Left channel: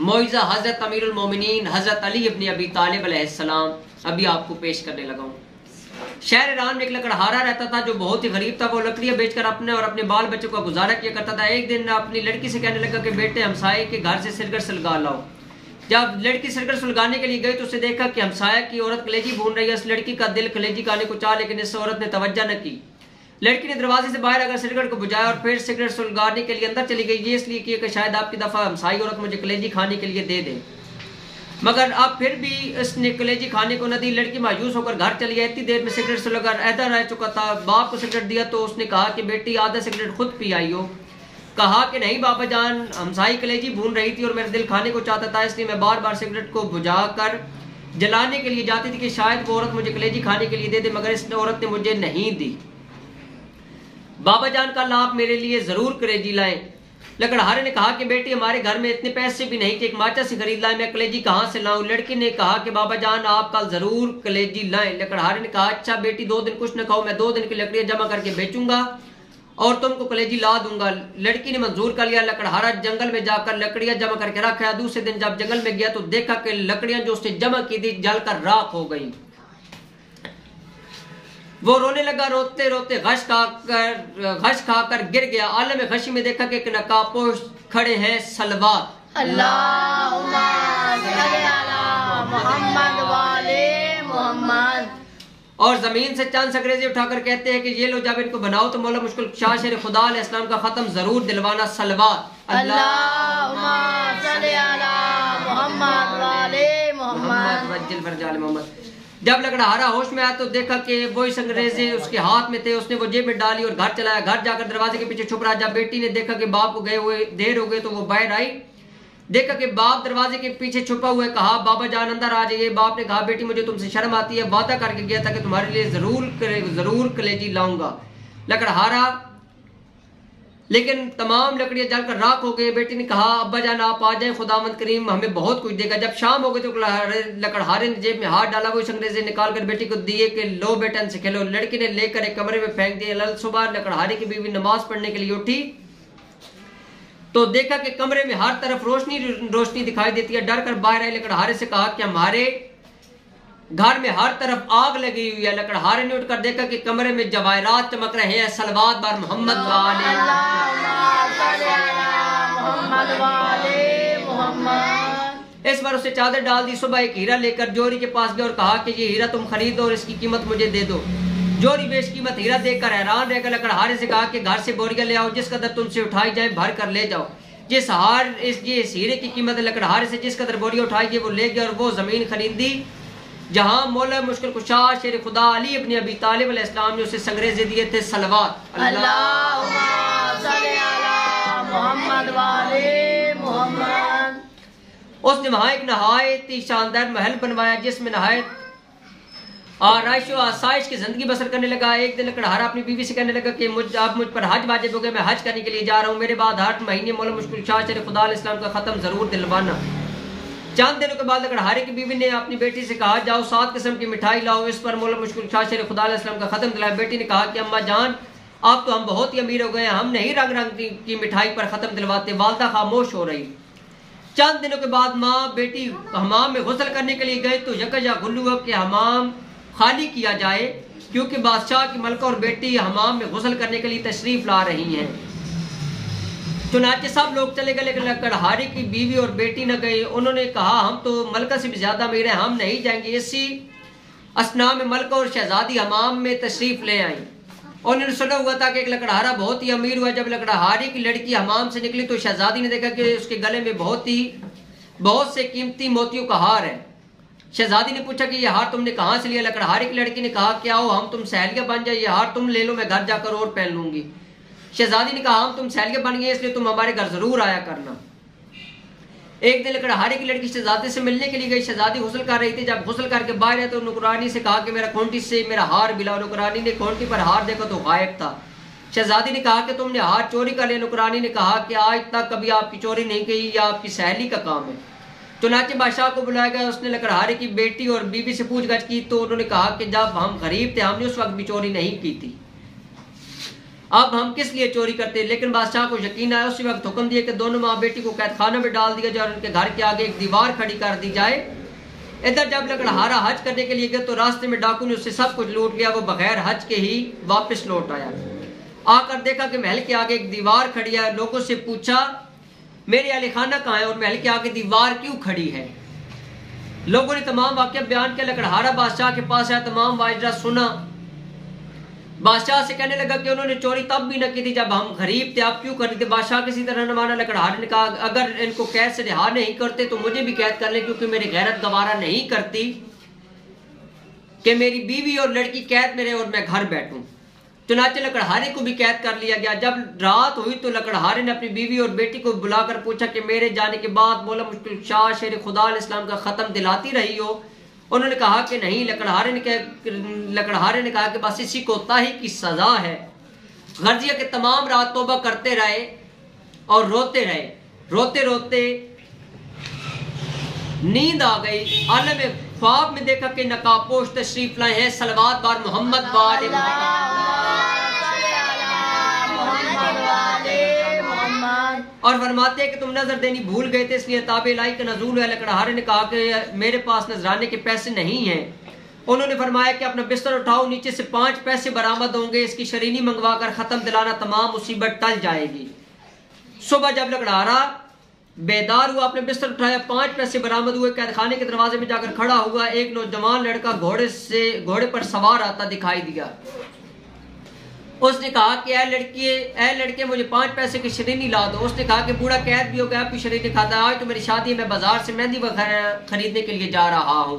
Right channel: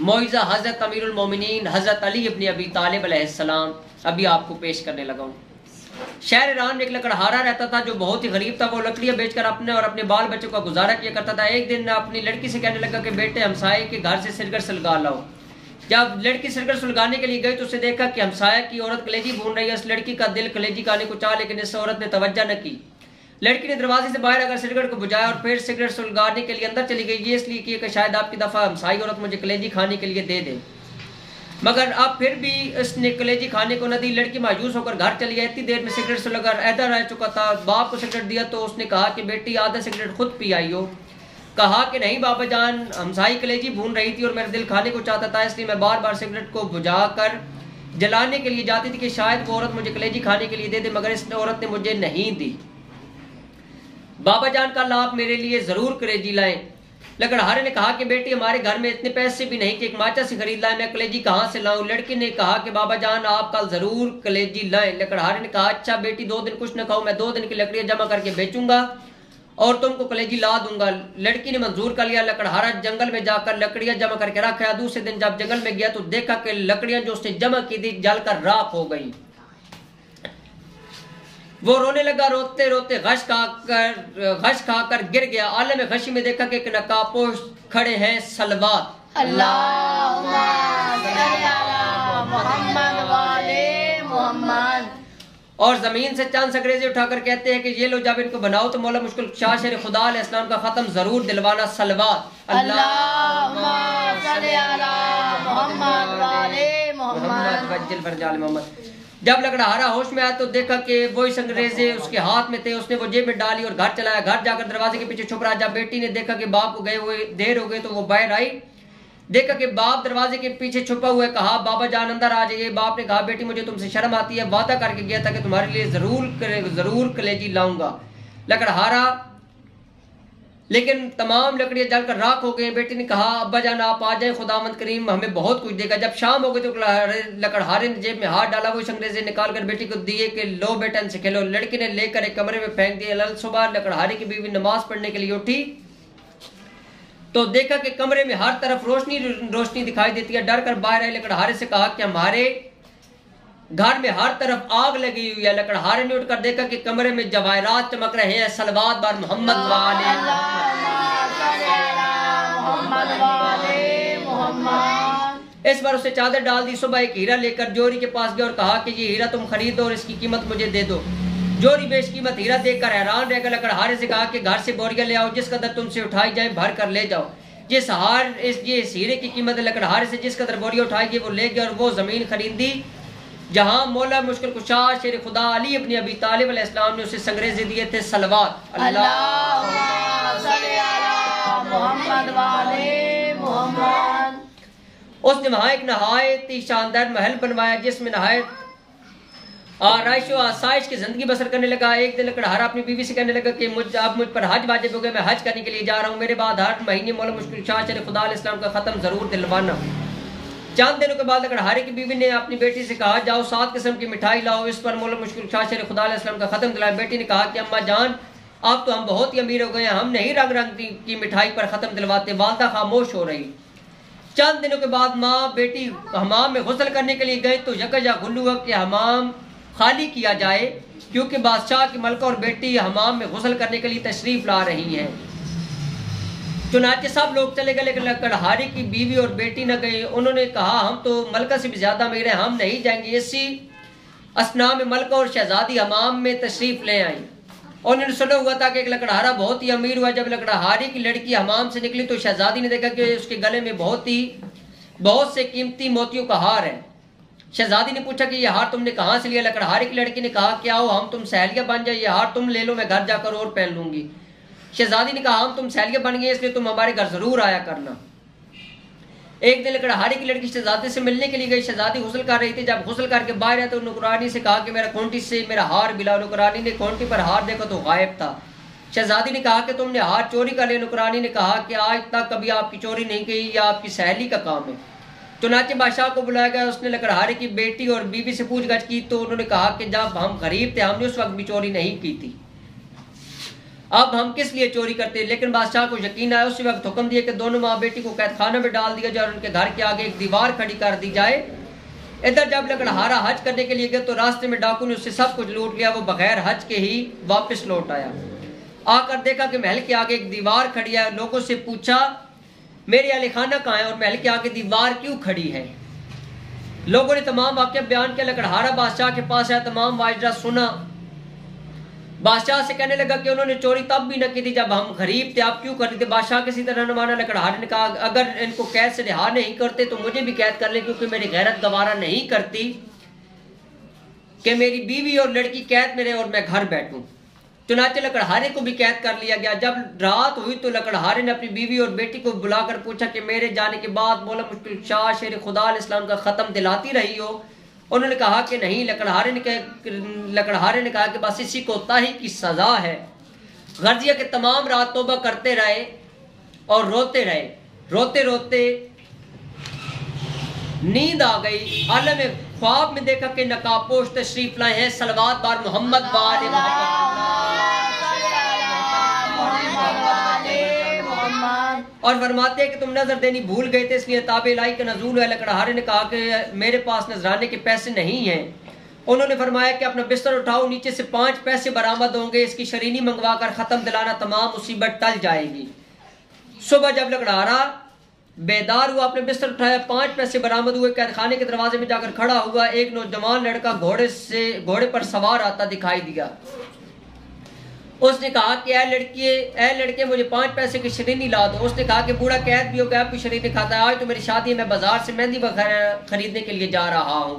मौइज़ा हज़रत अमीरुल मोमिनीन हज़रत अली इब्न अबी तालिब अलैहिस्सलाम अभी आपको पेश करने लगा हूँ। शहर ईरान में एक लकड़हारा रहता था जो बहुत ही गरीब था। वो लकड़ियां बेचकर अपने और अपने बाल बच्चों का गुजारा किया करता था। एक दिन अपनी लड़की से कहने लगा कि बेटे हमसाये के घर से सिरगर सुलगा लाओ। जब लड़की सिरगर सुलगाने के लिए गई तो उसे देखा कि हमसाया की औरत कलेजी भून रही है। उस लड़की का दिल कलेजी खाने को चाहा, लेकिन इस औरत ने तवज्जो न की। लड़की ने दरवाजे से बाहर आकर सिगरेट को बुझाया और फिर सिगरेट सुलगाने के लिए अंदर चली गई। ये इसलिए कि शायद आपकी दफा हमसाई औरत मुझे कलेजी खाने के लिए दे दे, मगर अब फिर भी इसने कलेजी खाने को न दी। लड़की मायूस होकर घर चली गई। इतनी देर में सिगरेट सुलगा ऐदा रह चुका था। बाप को सिगरेट दिया तो उसने कहा कि बेटी आधा सिगरेट खुद पी आई हो। कहा कि नहीं बाबा जान, हमसाई कलेजी भून रही थी और मेरा दिल खाने को चाहता था, इसलिए मैं बार बार सिगरेट को बुझा कर जलाने के लिए जाती थी कि शायद वो औरत मुझे कलेजी खाने के लिए दे दे, मगर इस औरत ने मुझे नहीं दी। बाबा जान कल आप मेरे लिए जरूर कलेजी लाएं। लकड़हारे ने कहा कि बेटी हमारे घर में इतने पैसे भी नहीं कि एक माचा से खरीद लाए, मैं कलेजी कहाँ से लाऊं। लड़की ने कहा कि बाबा जान आप कल जरूर कलेजी लाएं। लकड़हारे ने कहा अच्छा बेटी 2 दिन कुछ न खाओ, मैं 2 दिन की लकड़ियां जमा करके बेचूंगा और तुमको कलेजी ला दूंगा। लड़की ने मंजूर कर लिया। लकड़हारा जंगल में जाकर लकड़ियां जमा करके रखा। दूसरे दिन जब जंगल में गया तो देखा कि लकड़ियां जो उसने जमा की थी जलकर राख हो गई। वो रोने लगा। रोते रोते घश खाकर गिर गया। आलम गशी में देखा कि एक नकाबपोश खड़े हैं सलवात अल्लाहुम्मा सल्ली अला मुहम्मद वाले मुहम्मद, और जमीन से चंद संग्रेजे उठाकर कहते हैं कि ये लो जब इनको बनाओ तो मौला मुश्किल शाह शेर खुदा अलैहिस्सलाम का खत्म जरूर दिलवाना। सलवात अल्लाहुम्मा सल्ली अला मुहम्मद वाले मुहम्मद वज्जिल फरजाल मोहम्मद। जब लकड़हारा होश में आया तो देखा कि वही संग्रेजे उसके हाथ में थे। उसने वो जेब में डाली और घर चलाया। घर जाकर दरवाजे के पीछे छुप रहा। जब बेटी ने देखा कि बाप को गए हुए देर हो गई तो वो बाहर आई। देखा कि बाप दरवाजे के पीछे छुपा हुआ है। कहा बाबा जान अंदर आ जाइए। बाप ने कहा बेटी मुझे तुमसे शर्म आती है, वादा करके गया था कि तुम्हारे लिए जरूर कलेजी लाऊंगा। लकड़हारा लेकिन तमाम लकड़ियां जलकर राख हो गई। बेटी ने कहा अब्बा जान आप आ जाए, खुदावंद करीम हमें बहुत कुछ देगा। जब शाम हो गई तो लकड़हारे ने जेब में हाथ डाला। वो अंग्रेजे निकाल कर बेटी को दिए कि लो बेटा इनसे खेलो। लड़की ने लेकर एक कमरे में फेंक दिया। सुबह लकड़हारे की बीवी नमाज पढ़ने के लिए उठी तो देखा कि कमरे में हर तरफ रोशनी दिखाई देती है। डर कर बाहर आई। लकड़हारे से कहा कि हमारे घर में हर तरफ आग लगी हुई है। लकड़हारे ने उठकर देखा कि कमरे में जवाहरात चमक रहे हैं। सलवात बार मोहम्मद वाले मुहम्मद। इस बार उसे चादर डाल दी। सुबह एक हीरा लेकर जोरी के पास गया और कहा कि ये हीरा तुम खरीदो और इसकी कीमत मुझे दे दो। जोरी बेशकीमत हीरा देखकर हैरान रहकर लकड़हारे से कहा कि घर से बोरियां ले आओ, जिस कदर तुमसे उठाई जाए भर कर ले जाओ। ये हीरे की कीमत लकड़हारे से जिस कदर बोरियां उठाई वो ले गया और वो जमीन खरीदी जहां मौला मुश्किल कुशा शेर खुदा अली इब्न अबी तालिब अलैहिस्सलाम ने उसे संग्रेजे दिए थे। सलवात अल्लाहुम्मा सल्ली अला मुहम्मद वाले मुहम्मद। उसने वहां एक नहायत ही शानदार महल बनवाया जिसमें नहायत आराइश और आसाइश की जिंदगी बसर करने लगा। एक दिन लकड़हारा अपनी बीवी से कहने लगा कि अब मुझ पर हज वाजिब हो गया, मैं हज करने के लिए जा रहा हूँ। मेरे बाद हर महीने मौला मुश्किल शाह शेर खुदा अलैहिस्सलाम का खत्म जरूर दिलवाना। चंद दिनों के बाद लकड़हारे की बीवी ने अपनी बेटी से कहा जाओ 7 किस्म की मिठाई लाओ, इस पर मौला मुश्किल शाह शेर खुदा अलैहिस्सलाम का खत्म दिलाया। बेटी ने कहा कि अम्मा जान अब तो हम बहुत ही अमीर हो गए, हम नहीं रंग रंग की मिठाई पर खत्म दिलवाते। वालदा खामोश हो रही। चंद दिनों के बाद माँ बेटी हमाम में गुस्ल करने के लिए गए तो यकजा गुल्लू हुआ कि हमाम खाली किया जाए क्योंकि बादशाह की मलका और बेटी हमाम में गुस्ल करने के लिए तशरीफ ला रही हैं। चुनाचे सब लोग चले गए लेकिन लकड़हारे की बीवी और बेटी न गए। उन्होंने कहा हम तो मलका से भी ज्यादा अमीर हैं, हम नहीं जाएंगे। इसी असना में मलका और शहजादी हमाम में तशरीफ ले आई। उन्होंने सुना हुआ था कि एक लकड़हारा बहुत ही अमीर हुआ। जब लकड़हारे की लड़की हमाम से निकली तो शहजादी ने देखा कि उसके गले में बहुत से कीमती मोतियों का हार है। शहजादी ने पूछा कि यह हार तुमने कहां से लिया। लकड़हारे की लड़की ने कहा कि आओ हम तुम सहेलियां बन जाए, यह हार तुम ले लो, मैं घर जाकर और पहन लूंगी। शहजादी ने कहा हम तुम सहेलियां बन गए इसलिए तुम हमारे घर जरूर आया करना। एक दिन लकड़हारे की लड़की शहजादी से मिलने के लिए गई। शहजादी गुस्ल कर रही थी। जब गुस्ल करके बाहर आए तो नुकरानी से कहा कि मेरा खूंटी से मेरा हार मिला। नुकरानी ने खूंटी पर हार देखा तो गायब था। शहजादी ने कहा कि तुमने हार चोरी कर लिया। नुकरानी ने कहा कि आज तक कभी आपकी चोरी नहीं की, यह आपकी सहेली का काम है। चुनाचे बादशाह को बुलाया गया। उसने लकड़हारे की बेटी और बीवी से पूछताछ की तो उन्होंने कहा कि जब हम गरीब थे हमने उस वक्त भी चोरी नहीं की थी। अब हम किस लिए चोरी करते। लेकिन बादशाह को यकीन आया। उसी वक्त हुक्म दिया कि दोनों माँ बेटी को कैद खाना में डाल दिया जाए और उनके घर के आगे एक दीवार खड़ी कर दी जाए। इधर जब लकड़हारा हज करने के लिए गया तो रास्ते में डाकू ने उससे सब कुछ लूट लिया। वो बगैर हज के ही वापस लौट आया। आकर देखा कि महल के आगे एक दीवार खड़ी है। लोगों से पूछा मेरे अली खाना कहाँ है और महल के आगे दीवार क्यों खड़ी है। लोगों ने तमाम वाक़या बयान किया। लकड़हारा बादशाह के पास आया, तमाम वाजरा सुना। बादशाह से कहने लगा कि उन्होंने चोरी तब भी न की थी जब हम गरीब थे, आप क्यों कर रहे थे। बादशाह किसी तरह न माना। लकड़हारे ने कहा अगर इनको कैद से रिहा नहीं करते तो मुझे भी कैद कर ले, क्योंकि मेरी गैरत गवारा नहीं करती कि मेरी बीवी और लड़की कैद में रहे और मैं घर बैठूं। चुनाचे लकड़हारे को भी कैद कर लिया गया। जब रात हुई तो लकड़हारे ने अपनी बीवी और बेटी को बुलाकर पूछा कि मेरे जाने के बाद मौला मुश्किल शाह शेर खुदा इस्लाम का खत्म दिलाती रही हो। उन्होंने कहा कि नहीं। लकड़हारे ने कहा कि बस इसी कोताही की सजा है। गर्जिया के तमाम रात तौबा करते रहे और रोते रहे। रोते रोते नींद आ गई। आलम ख्वाब में देखा कि नकाबपोश तशरीफ लाए हैं। सलवात बार मोहम्मद वाले और फरमाते हैं कि तुम नजर देनी भूल गए थे इसलिए ताबे इलाही का नजूल है। लकड़हारे ने कहा कि मेरे पास नजराने के पैसे नहीं हैं। उन्होंने फरमाया कि अपना बिस्तर उठाओ, नीचे से 5 पैसे बरामद होंगे। इसकी शरीनी मंगवा कर खत्म दिलाना, तमाम मुसीबत टल जाएगी। सुबह जब लकड़हारा बेदार हुआ, अपने बिस्तर उठाया, 5 पैसे बरामद हुए। कैद खाने के दरवाजे में जाकर खड़ा हुआ। एक नौजवान लड़का घोड़े पर सवार आता दिखाई दिया। उसने कहा कि ऐ लड़के मुझे 5 पैसे की शरीनी ला दो। उसने कहा कि बूढ़ा कैद भी हो गया, भी शरीनी खाता है। आज तो मेरी शादी है, मैं बाजार से मेहंदी वगैरह खरीदने के लिए जा रहा हूँ,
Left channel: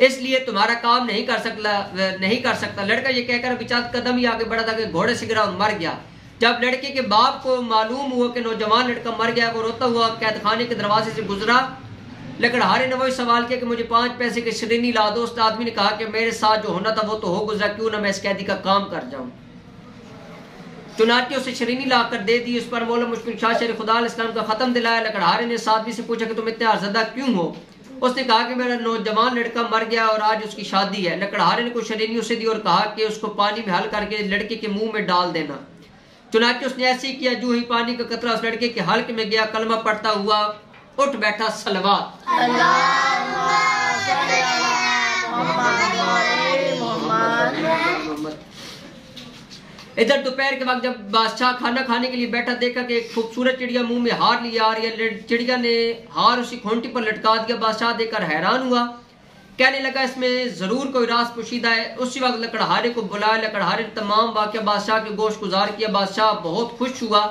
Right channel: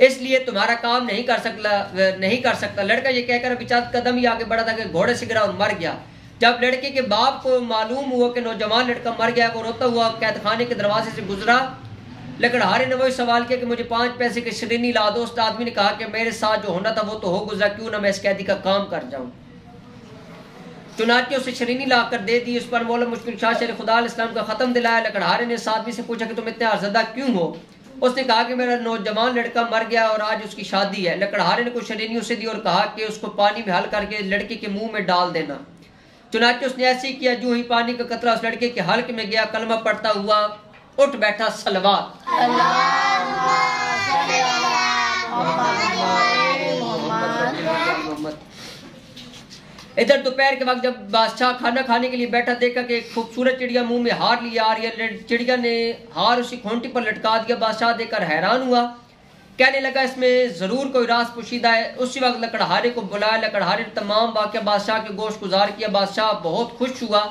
इसलिए तुम्हारा काम नहीं कर सकता। लड़का ये कहकर अभी चंद कदम ही आगे बढ़ा था कि घोड़े से गिरा और मर गया। जब लड़के के बाप को मालूम हुआ कि नौजवान लड़का मर गया, वो रोता हुआ कैद खाने के दरवाजे से गुजरा। लकड़हारे ने वही सवाल किया कि मुझे 5 पैसे की शरीनी ला दो। उस आदमी ने कहा कि मेरे साथ जो होना था वो तो हो गुजरा, क्यों ना मैं इस कैदी का काम कर जाऊं। चुनाचे उसे शरीनी लाकर दे दी। उस पर मौला मुश्किल शाह शेर खुदा इस्लाम का खत्म दिलाया। लकड़हारे ने उस आदमी से पूछा कि तुम इतने आज़दा क्यों हो। उसने कहा कि मेरा नौजवान लड़का मर गया और आज उसकी शादी है। लकड़हारे ने कुछ शरीनी उसे दी और कहा कि उसको पानी में हल करके लड़के के मुंह में डाल देना। चुनाचे उसने ऐसे ही किया। जो ही पानी का कतरा उस लड़के के हल्क में गया, कलमा पढ़ता हुआ उठ बैठा। सलवात इधर दोपहर के वक्त जब बादशाह खाना खाने के लिए बैठा, देखा कि एक खूबसूरत चिड़िया मुंह में हार लिया आ रही है। चिड़िया ने हार उसी खूंटी पर लटका दिया। बादशाह देखकर हैरान हुआ, कहने लगा इसमें जरूर कोई राज पोशीदा है। उसी वक्त लकड़हारे को बुलाया। लकड़हारे ने तमाम वाक़या बादशाह के गोश गुजार किया। बादशाह बहुत खुश हुआ,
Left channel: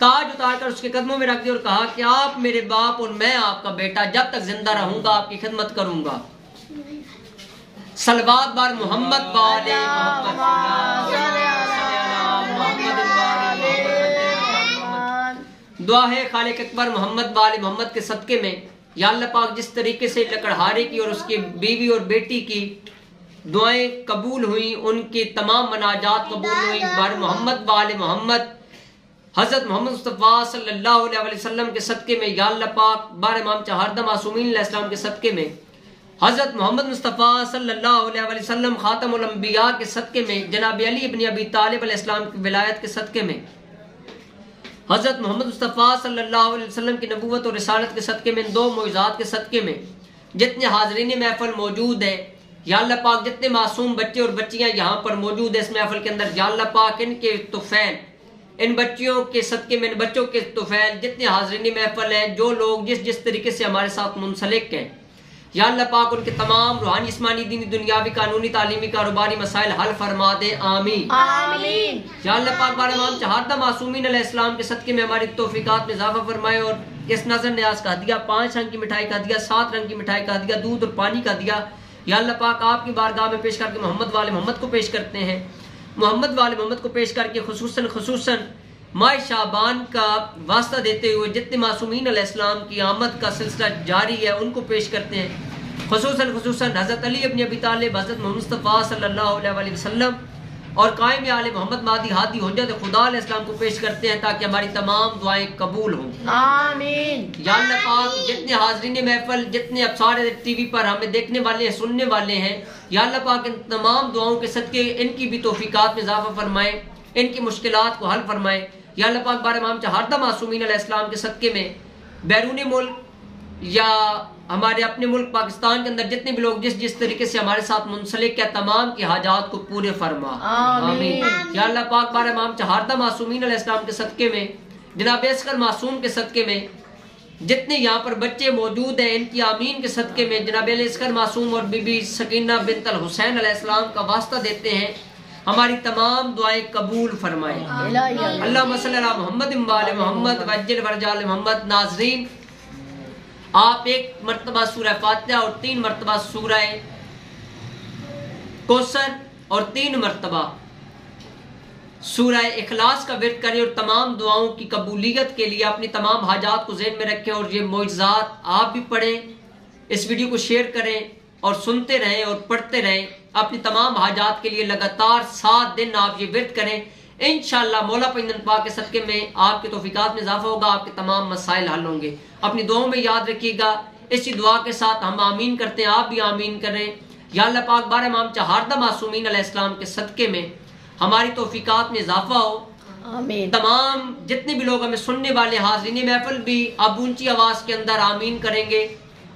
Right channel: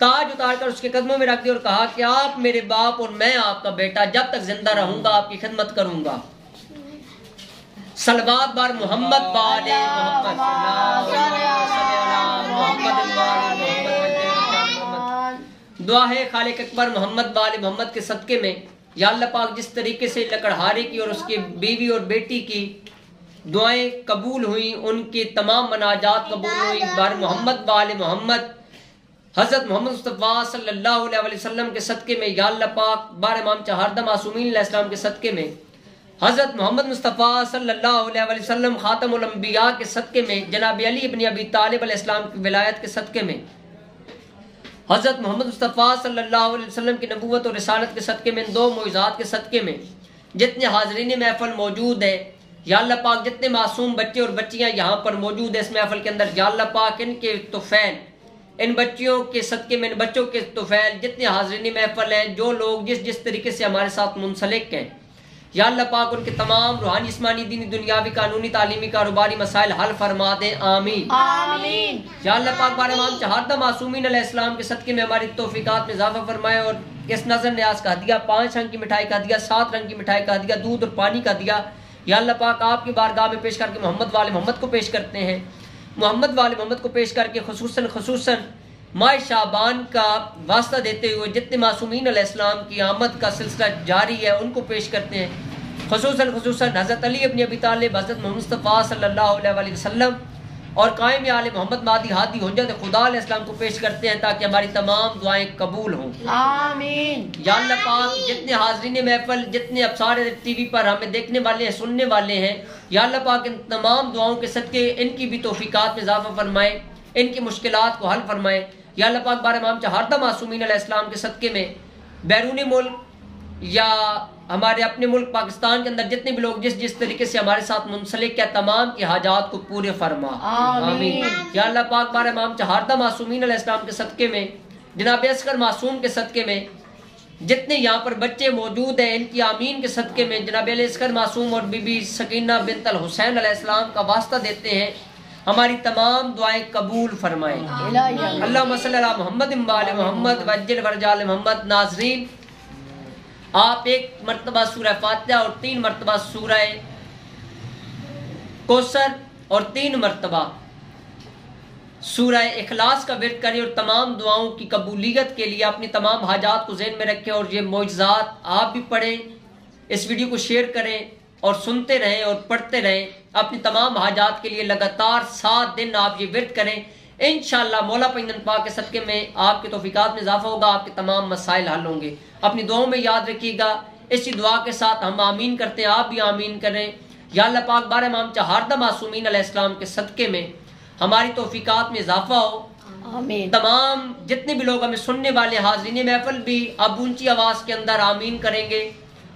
ताज उतारकर उसके कदमों में रख दिया और कहा कि आप मेरे बाप और मैं आपका बेटा, जब तक जिंदा रहूंगा आपकी खिदमत करूंगा। सलवात बार मोहम्मद वाले दुआ है खालिक अकबर मोहम्मद वाले मोहम्मद के सदके में, या अल्लाह पाक जिस तरीके से लकड़हारे की और उसकी बीवी और बेटी की दुआएं कबूल हुई, उनकी तमाम मनाजात कबूल हुई। बार मोहम्मद वाले मोहम्मद हजरत मोहम्मद मुस्तफ़ा सल्लल्लाहु अलैहि वसल्लम के सदके में, या अल्लाह पाक बार इमाम चहारदा मासूमीन अलैहिस्सलाम के सदके में, हजरत मोहम्मद मुस्तफ़ा सल्लल्लाहु अलैहि वसल्लम खातमुल अंबिया के सदके में, जनाब अली इब्न अबी तालिब अलैहिस्सलाम की विलायत के सदके में, हजरत मोहम्मद मुस्तफ़ा सल्लल्लाहु अलैहि वसल्लम की नबूवत और रिसालत के सदके में, 2 मुइज़ात के सदके में, जितने हाज़रीन महफिल मौजूद है, या अल्लाह पाक जितने मासूम बच्चे और बच्चियां यहाँ पर मौजूद है इस महफिल के अंदर, या अल्लाह पाक इनके तुफ़ैल, इन बच्चियों के सदके में, इन बच्चों के तुफ़ैल, जितने हाज़रीन महफिल हैं, जो लोग जिस तरीके से हमारे साथ मुंसलिक हैं, या अल्लाह पाक उनके तमाम रूहानी जिस्मानी दीनी दुनियावी कानूनी तालीमी कारोबारी मसाइल हल फरमा दे, आमीन आमीन। या अल्लाह पाक बार इमाम चहारदा मासूमीन अलैहिस्सलाम के सदके में हमारी तौफीकात में इजाफा फरमाए और इस नजर न्याज का दिया, 5 रंग की मिठाई का दिया, 7 रंग की मिठाई का दिया, दूध और पानी का दिया, या अल्लाह पाक आपकी बारगाह में पेश करके मोहम्मद वाले मोहम्मद को पेश करते हैं। मोहम्मद वाले मोहम्मद को पेश करके खुसूसन माह शाबान का वास्ता देते हुए जितने मासूमीन अलैहिस्सलाम की आमद का सिलसिला जारी है उनको पेश करते हैं। खुसूसन हजरत अली इब्न अबी तालिब, हजरत मोहम्मद मुस्तफ़ा सल्लल्लाहु अलैहि वसल्लम और कायम आले मोहम्मद मादी हादी हुज्जत खुदा अलैहिस्सलाम को पेश करते हैं ताकि हमारी तमाम दुआएं कबूल हों, आमीन। या अल्लाह पाक जितने हाज़रीन महफिल, जितने अब्सार टीवी पर हमें देखने वाले हैं, सुनने वाले हैं, या अल्लाह पाक इन तमाम दुआओं के सदके इनकी भी तौफीकात में इजाफा फरमाए। इनकी मुश्किलात को हल फरमाए। या अल्लाह पाक बार इमाम चहारदा मासूमीन अलैहिस्सलाम के सदके में बैरूनी मुल्क या हमारे अपने मुल्क पाकिस्तान के अंदर जितने भी लोग जिस जिस तरीके से हमारे साथ मुंसलिक है तमाम की हाजात को पूरे फरमा। आमीन। या अल्लाह पाक बार इमाम चहारदा मासूमीन अलैहिस्सलाम के सदके में जनाब असगर मासूम के सदके में जितने यहाँ पर बच्चे मौजूद हैं इनकी आमीन के सदके में जनाब असगर मासूम और बीबी सकीना बिन्त अल हुसैन अलैहिस्सलाम का वास्ता देते हैं हमारी तमाम दुआएं कबूल फरमाए। अल्लाहुम्मा सल्ली अला मुहम्मद व आले मुहम्मद वज्जिल वरजाल मोहम्मद। नाज़रीन, आप एक मर्तबा सूरह फातिहा और 3 मर्तबा सूरह कौसर और 3 मर्तबा सूरह इखलास का विर्द करें और तमाम दुआओं की कबूलियत के लिए अपनी तमाम हाजात को ज़हन में रखें और ये मौजज़ात आप भी पढ़ें, इस वीडियो को शेयर करें और सुनते रहें और पढ़ते रहें। अपनी तमाम हाजात के लिए लगातार 7 दिन आप ये विर्द करें। इंशाअल्लाह मौला पैगंबर पाक के सदके में आपके तौफीकात में इजाफा होगा, आपके तमाम मसाइल हल होंगे। अपनी दुआओं में याद रखिएगा। इसी दुआ के साथ हम आमीन करते हैं, आप भी आमीन करें। या अल्लाह पाक बार इमाम चहारदा मासूमीन अलैहिस्सलाम के सदके में हमारी तौफीकात में इजाफा हो। आमीन। तमाम जितने भी लोग हमें सुनने वाले हाज़रीन महफिल भी अब ऊंची आवाज के अंदर आमीन करेंगे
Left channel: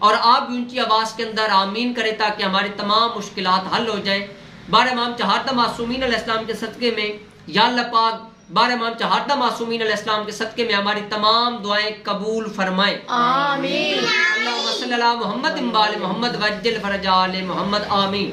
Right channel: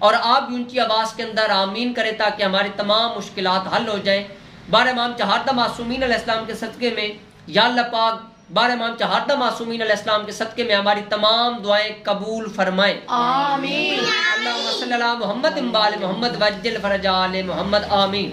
और आप भी ऊंची आवाज के अंदर आमीन करें ताकि हमारी तमाम मुश्किलात हल हो जाए। बार इमाम चहारदा मासूमीन अलैहिस्सलाम के सदके में या अल्लाह पाक बार इमाम चहारदा मासूमीन अलैहिस्सलाम के सदके में हमारी तमाम दुआएं कबूल फरमाए। आमीन। अल्लाहुम्मा सल्ली अला मुहम्मद व आले मुहम्मद वज्जिल फरजाल मोहम्मद। आमीन।